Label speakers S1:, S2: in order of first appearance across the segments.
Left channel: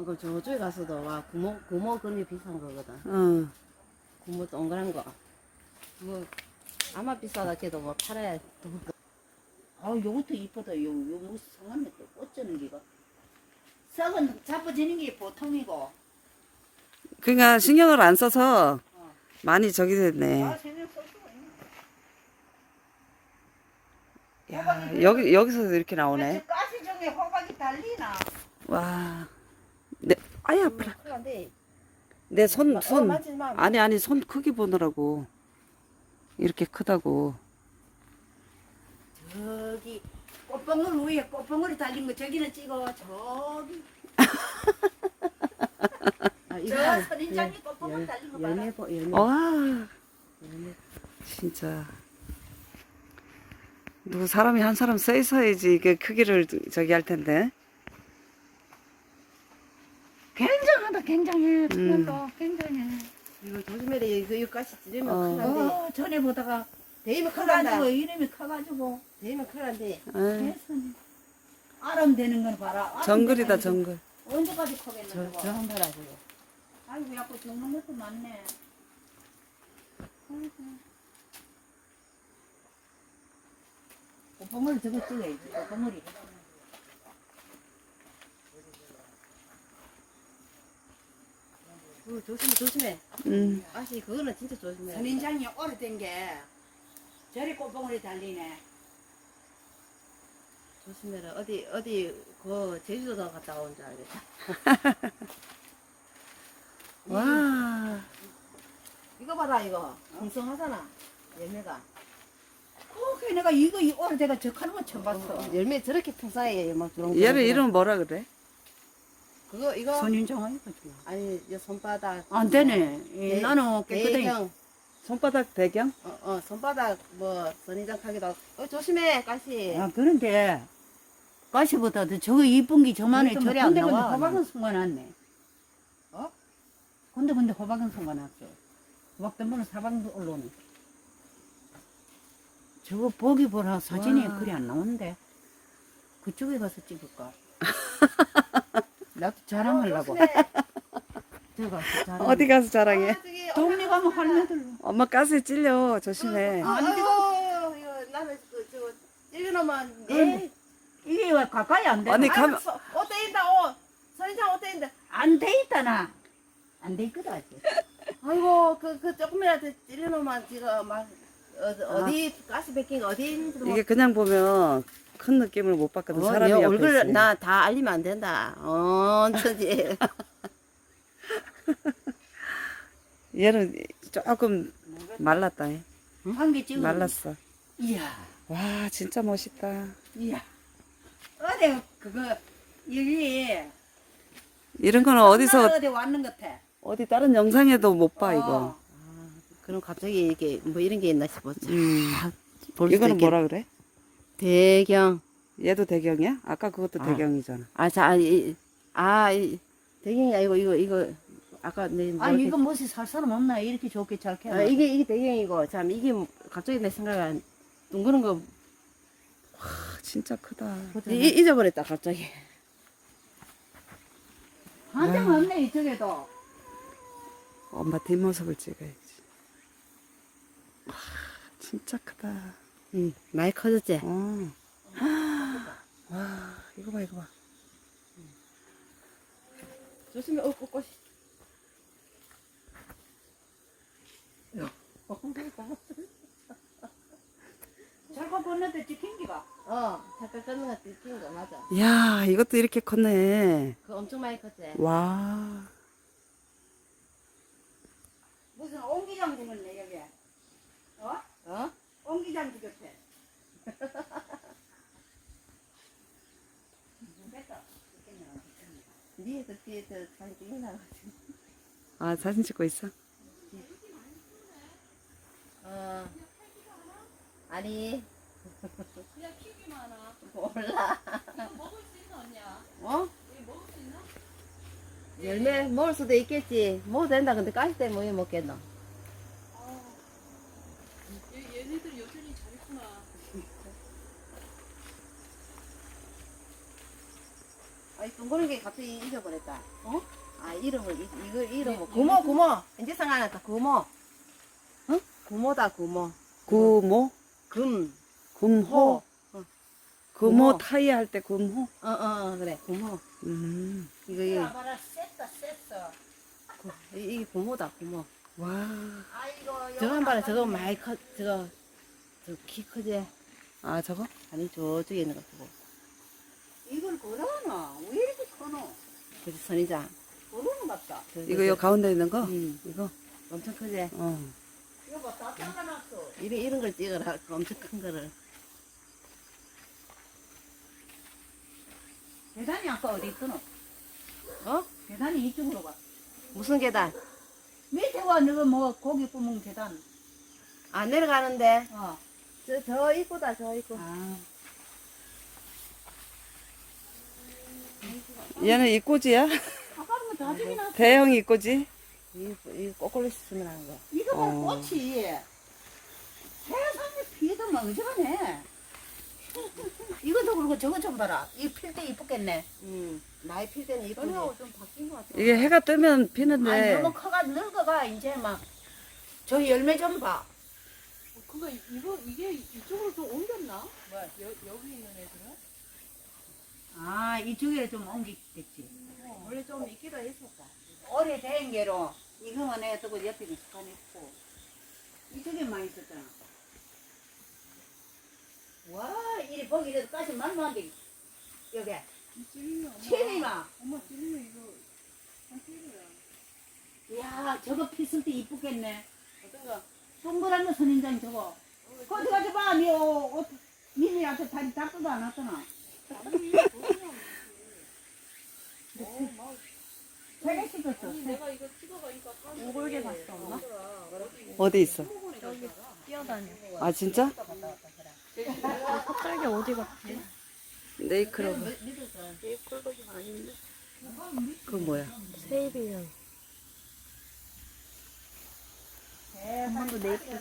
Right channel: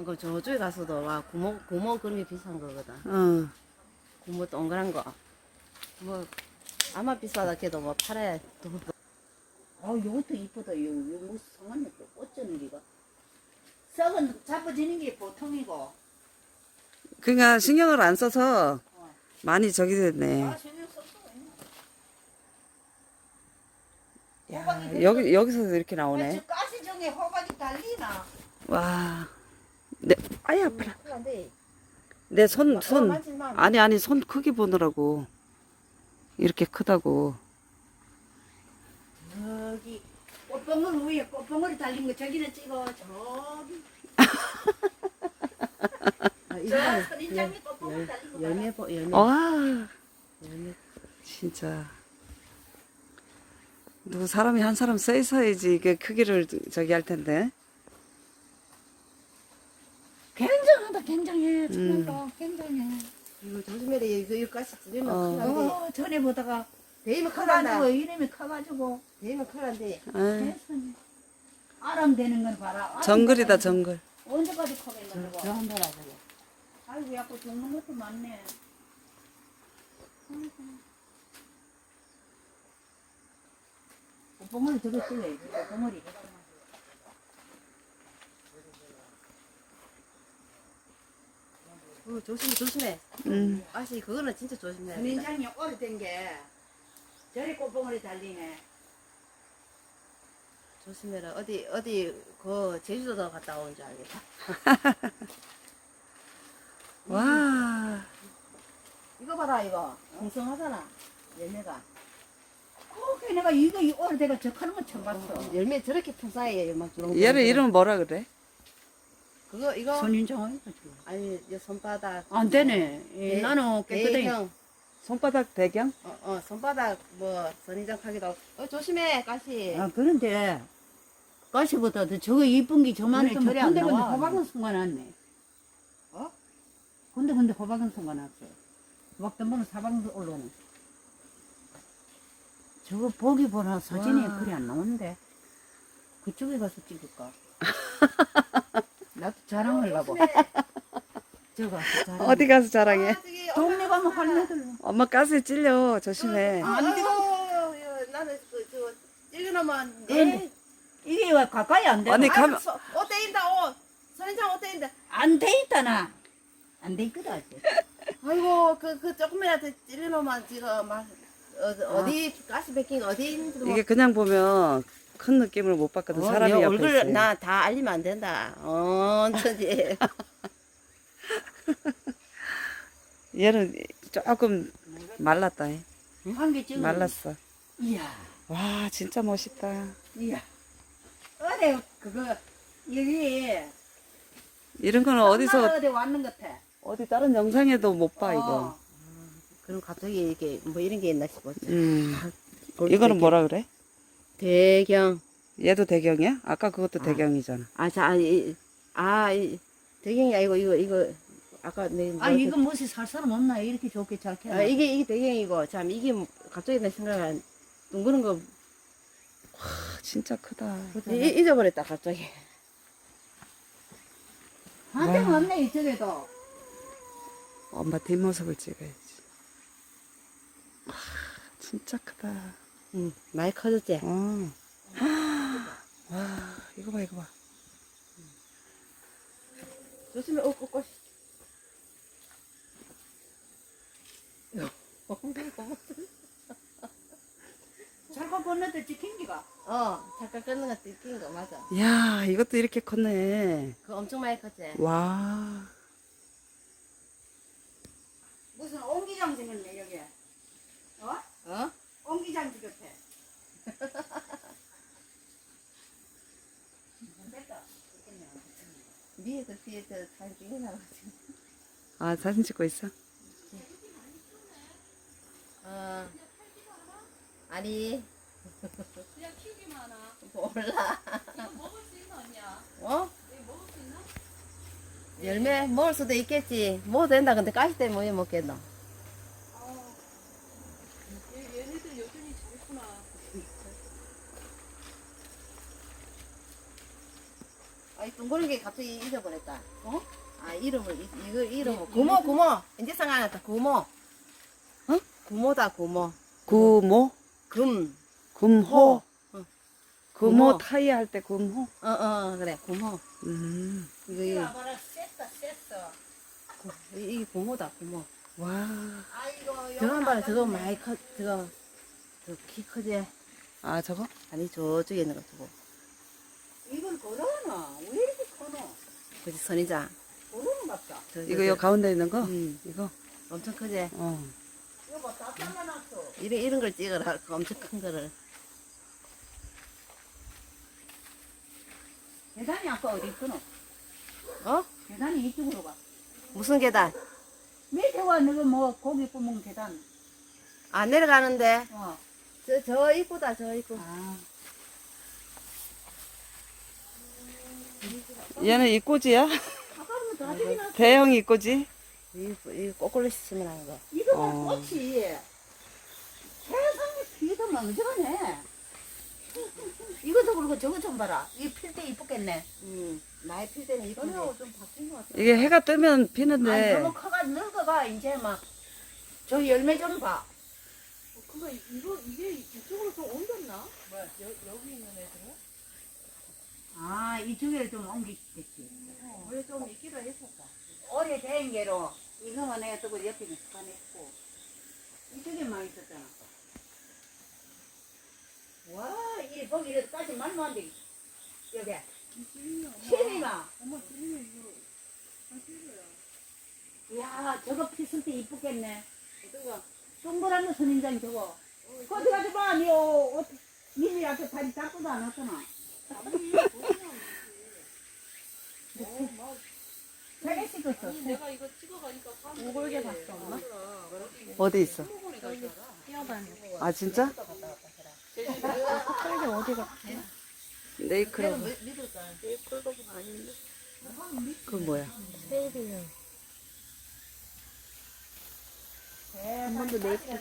S1: 어, 그 저쪽에 가서도 와 구멍 구멍 그런 게 비싼 거거든.
S2: 어.
S1: 구멍 동그란 거. 뭐 아마 비싸다 해도 뭐 팔아야 돈.
S3: 아, 요것도 이쁘다. 요, 요, 뭐, 상하네. 또 꽃쩌는 기가. 썩은 잡아지는 게 보통이고.
S2: 그러니까 신경을 안 써서 많이 저기 됐네.
S3: 아, 신경.
S2: 야, 여기, 여기서도 이렇게 나오네.
S3: 저 가시 중에 호박이 달리나?
S2: 와. 내, 아야, 아파라. 내 손,
S1: 어,
S2: 손. 아니, 아니, 손 크기 보느라고. 이렇게 크다고.
S3: 저기, 꽃봉을 위에 꽃봉오리 달린 거 저기는 찍어. 저기.
S1: 아,
S3: 저
S1: 이거는
S3: 선인장이 꽃봉오리 달린 거 봐라.
S1: 열매 보 열매.
S2: 와,
S1: 열매.
S2: 진짜. 누구 사람이 한 사람 써 있어야지 이게 크기를 저기 할 텐데.
S3: 굉장하다, 굉장해.
S2: 음.
S3: 음. 굉장해.
S1: 이거 조심해야 돼. 이거 이거 가시 찌르면
S2: 어.
S1: 큰일 난데.
S3: 어, 전에 보다가
S1: 대이면 큰일 난다.
S3: 커가지고 이름이 커가지고
S1: 대이면 큰일 난데.
S2: 에이,
S3: 됐으니 아름 되는 건 봐라.
S2: 정글이다, 정글.
S3: 언제까지 커겠는
S1: 저
S3: 거?
S1: 한번 봐라 저거.
S3: 아이고 야구 죽는 것도 많네. 봉을 저거 찍어야지. 봉을이.
S1: 어, 조심해 조심해.
S2: 음,
S1: 아씨 그거는 진짜 조심해.
S3: 선인장이 오래된 게 저리 꽃봉을이 달리네.
S1: 조심해라. 어디 어디 그 제주도 갔다 온 줄 알겠다.
S2: 와,
S1: 이거 봐라 이거. 풍성하잖아. 열매가.
S3: 어, 그 내가 이거 이 오래돼가 적하는 건 처음 봤어.
S1: 열매 저렇게 풍성해요. 막 그런
S2: 얘를 이름 뭐라 그래?
S1: 그거 이거
S3: 아니까
S1: 아니 이 손바닥.
S3: 안 되네. 예,
S1: 대-
S3: 나는 깨끗하게
S1: 대형.
S2: 손바닥 배경?
S1: 어, 어 손바닥 뭐 선정하기도. 어 조심해 가시.
S3: 아 그런데 가시보다도 저거 이쁜 게 저만에
S1: 그것도
S3: 저
S1: 머리 안
S3: 근데 근데
S1: 나와.
S3: 호박은 숨겨놨네.
S1: 어?
S3: 근데 근데 호박은 숨겨놨어. 호박 때문에 사방도 올라오네. 저거 보기 보라 사진이
S2: 와.
S3: 그리 안 나오는데 그쪽에 가서 찍을까? 나도 자랑하려고.
S1: 조심해.
S3: 저거 자랑.
S2: 어디 가서 자랑해?
S1: 아, 저기
S3: 동네 가면 할매들.
S2: 엄마 가스에 찔려. 조심해.
S1: 아, 아이고, 이거 나는 그저 찔려놓으면 내
S3: 이게 왜 가까이 안 돼?
S2: 아니, 가면-
S1: 서- 옷 떼인다 옷. 선인장 옷 떼인다.
S3: 안돼 있다나. 안돼 있거든 아직.
S1: 아이고 그 그 조금이라도 찔려놓으면 지금 막 어, 어디 가스 베낀 어디 있는지 뭐.
S2: 이게 그냥 보면 큰 느낌을 못 받거든. 사람이
S1: 내
S2: 옆에
S1: 얼굴
S2: 있으면.
S1: 나 다 알리면 안 된다. 언제지?
S2: 얘는 조금 말랐다. 해.
S3: 한개 찍어.
S2: 말랐어.
S3: 이야.
S2: 와, 진짜 멋있다.
S3: 이야. 어디 그거 여기
S2: 이런 거는 어디서
S3: 어디 왔는 것 같아.
S2: 어디 다른 영상에도 못 봐 이거.
S3: 어.
S1: 그럼 갑자기 이게 뭐 이런 게 있나 싶었지.
S2: 음.
S1: 볼 수도
S2: 이거는
S1: 있겠-
S2: 뭐라 그래?
S1: 배경.
S2: 얘도 대경이야? 아까 그것도
S1: 어.
S2: 대경이잖아.
S1: 아, 자, 이, 아, 이, 배경이 아니고 이거 이거 아까 내
S3: 아니 이거 무엇이 살 사람 없나 이렇게 좋게 잘 캐.
S1: 아, 이게 이게 배경이고 참 이게 뭐 갑자기 내 생각에 안 둥그런 거
S2: 아, 진짜 크다.
S1: 이, 잊어버렸다 갑자기.
S3: 한장 없네 이쪽에도.
S2: 엄마 뒷모습을 찍어야지. 와, 진짜 크다.
S1: 응, 많이 커졌지.
S2: 어. 와, 이거 봐, 이거 봐.
S1: 조심해, 어, 꽃, 꽃.
S3: 저거 보는데 찍힌 기가.
S1: 어, 잠깐 끊는 거 뜯긴 거 맞아.
S2: 야, 이것도 이렇게 컸네.
S1: 그거 엄청 많이 컸지.
S2: 와.
S3: 무슨 옹기장 생겼네 여기. 어?
S1: 어?
S3: 옹기장 생겼대.
S1: 위에서 뒤에서 사진 찍으려고.
S2: 아, 사진 찍고 있어?
S1: 어. 아니.
S4: 그냥 튀기만 하나.
S1: 몰라.
S4: 이거 먹을 수 있나 언니야?
S1: 어?
S4: 이거 먹을 수 있나?
S1: 열매 먹을 수도 있겠지. 뭐 된다. 근데 가시 때문에 왜 먹겠노?
S4: 아, 얘, 얘네들 여전히 잘했구나.
S1: 아이 둥그런 게 갑자기 잊어버렸다.
S3: 어?
S1: 아 이름을 이- 이거 이름을 구모 구모 이제 생각났다 구모. 어? 구모다 구모.
S2: 구모?
S1: 금.
S2: 금호?
S1: 어.
S2: 금호
S1: 금호.
S2: 타이 할 때 금호?
S1: 어어 그래 구모.
S2: 음.
S1: 이거 이거
S3: 봐라.
S1: 구- 이- 이게 구모다 구모.
S2: 와.
S3: 아이고
S1: 저거 한 봐라 저거 많이 커 저거 저키 크지?
S2: 아, 저거?
S1: 아니 저쪽에 있는 거 저거.
S3: 이건 커노?
S1: 그지 선이장.
S3: 거라는 같다.
S1: 저-
S2: 이거
S1: 저-
S2: 요 가운데 있는 거?
S1: 음,
S2: 이거?
S1: 엄청 크지?
S2: 어.
S3: 이거 봐 다 잘라놨어.
S1: 이런 이런 걸 찍어라 그 엄청 큰 거를.
S3: 계단이 아까 어디 있거노?
S1: 어?
S3: 계단이 이쪽으로 가.
S1: 무슨 계단?
S3: 밑에 와 너가 뭐 고기 구멍 계단.
S1: 안 내려가는데.
S3: 어.
S1: 저, 저 입구다, 저 입구.
S3: 아.
S2: 얘는 이꼬지야? 대형 이꼬지?
S1: 이, 이 꼬꼬리 씻으면 하는 거.
S3: 이거 봐
S2: 어.
S3: 꽃이. 세상에 피도 멍청하네. 이것도 그렇고 저거 좀 봐라. 이 필 때 이쁘겠네.
S1: 음, 나이 필 때는 이쁜데.
S4: 전혀 좀 바뀐 것 같아.
S2: 이게 해가 뜨면 피는데,
S3: 너무 커가 늙어가 이제 막. 저 열매 좀 봐.
S4: 어, 근데 이거 이게 이쪽으로 좀 옮겼나? 여, 여기 있는 애들은?
S3: 아 이쪽에 좀 옮기겠지.
S4: 원래 좀 있기도 했었다.
S3: 오래된 게로 이거만 해 두고 옆에 습관했고 이쪽에 많이 있었잖아. 와, 이 거기까지 말도 안 돼. 여기 체리마.
S4: 엄마 찔리면 이거.
S3: 야, 저거 피쓸 때 이쁘겠네.
S4: 어떤가?
S3: 동그란 선인장 저거. 가지 마, 니 옷, 옷, 님이한테 다리 닦고도 안 왔잖아.
S2: 어디 있어? 아, 진짜?
S1: 흑살이 어디가?
S2: 네이크로브. 그 뭐야?
S1: 세일이요. 한 번도 네이클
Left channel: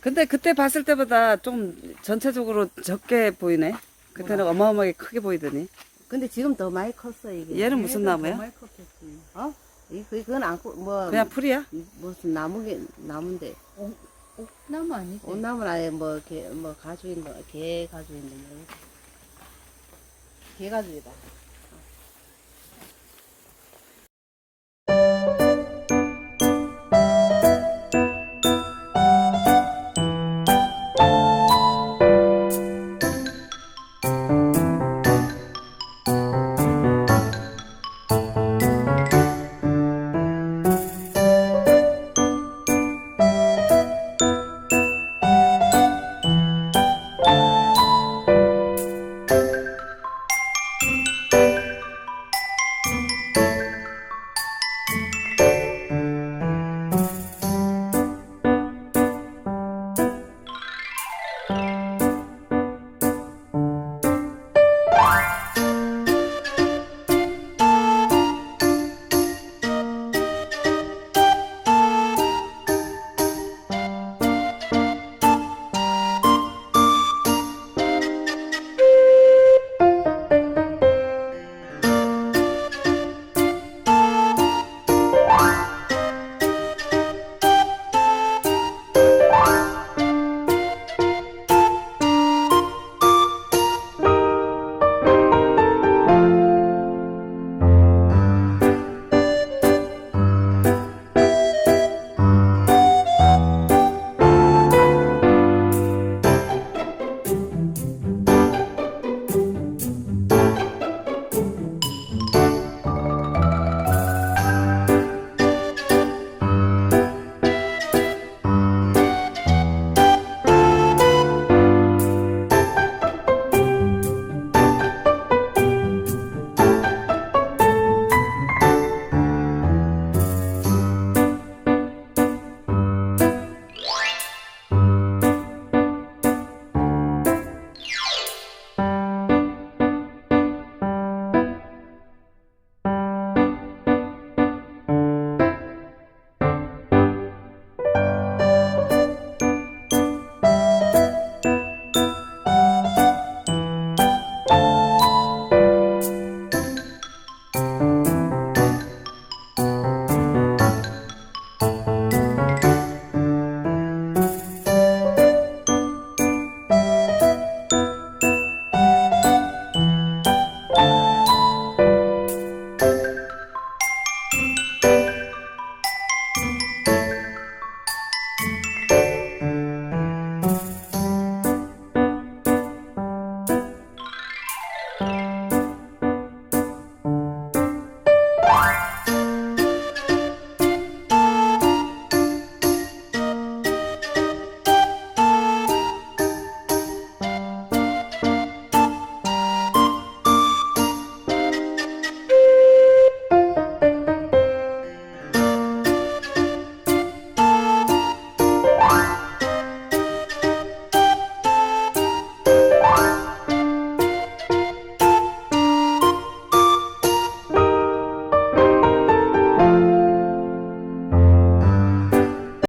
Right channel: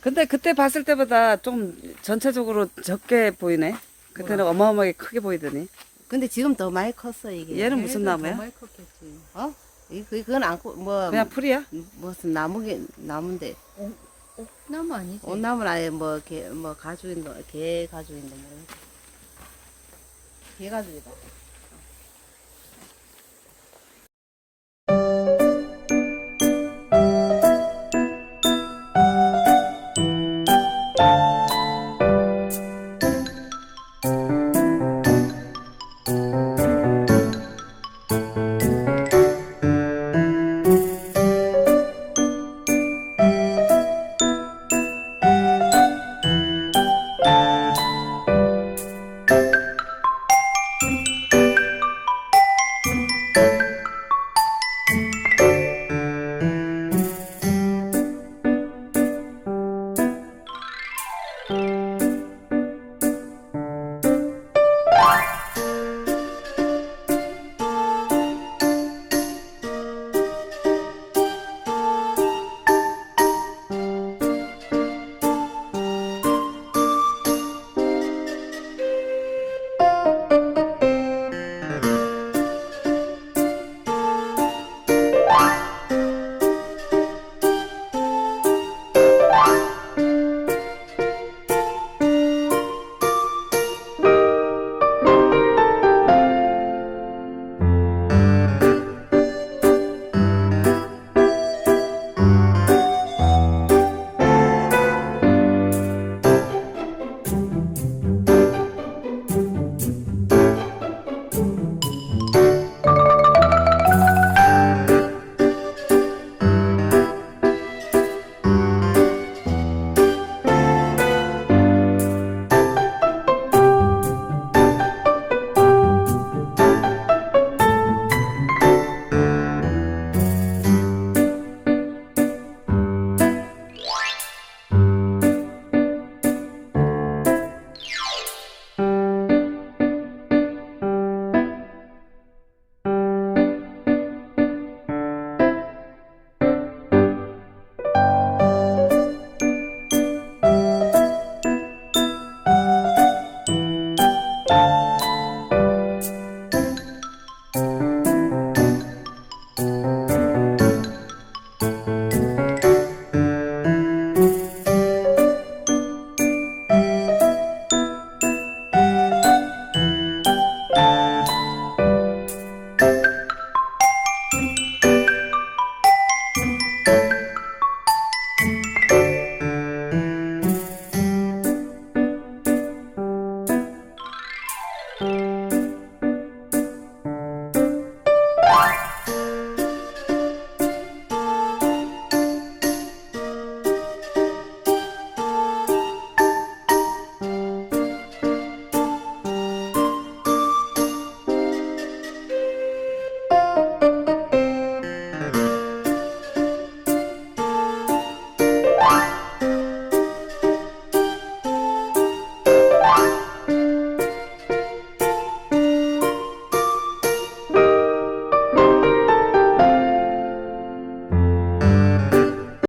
S2: 근데 그때 봤을 때보다 좀 전체적으로 적게 보이네. 그때는 어마어마하게 크게 보이더니.
S1: 근데 지금 더 많이 컸어, 이게.
S2: 얘는 무슨 나무야?
S3: 많이 컸겠지.
S1: 어? 이, 그, 그건 안, 코- 뭐.
S2: 그냥 풀이야?
S1: 무슨 나무게, 나무인데.
S3: 나무 아니지?
S1: 온나무는 아예 뭐, 개, 뭐, 가죽인데, 개 가죽인데, 뭐. 개 가죽이다.